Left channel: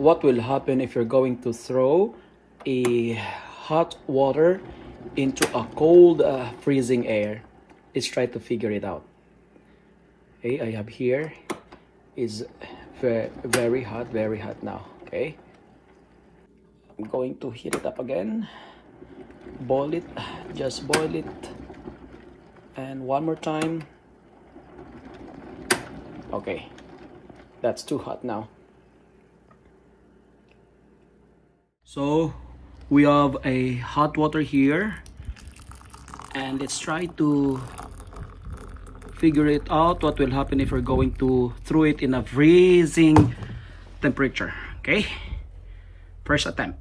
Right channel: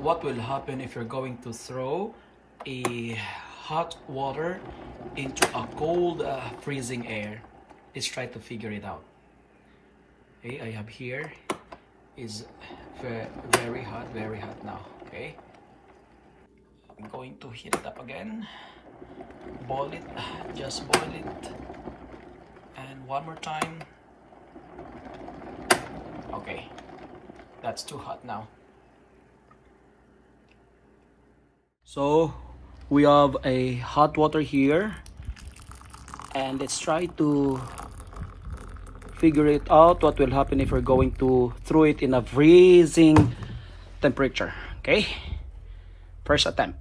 what will happen if you're going to throw a hot water into a cold freezing air. Let's try to figure it out. Okay, I have here is very hot now. Okay, I'm going to heat it up again, boil it, just boil it, and one more time. Okay, that's too hot now. So we have a hot water here, and let's try to figure it out what will happen if we're going to throw it in a freezing temperature. Okay, first attempt.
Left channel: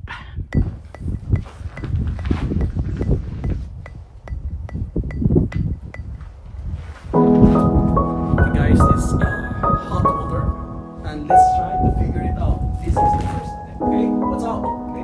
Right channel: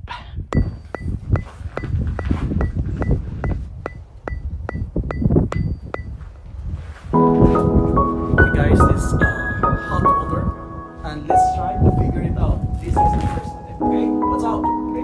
Okay guys, this is hot water, and let's try to figure it out. This is the first step. Okay, what's up? Okay.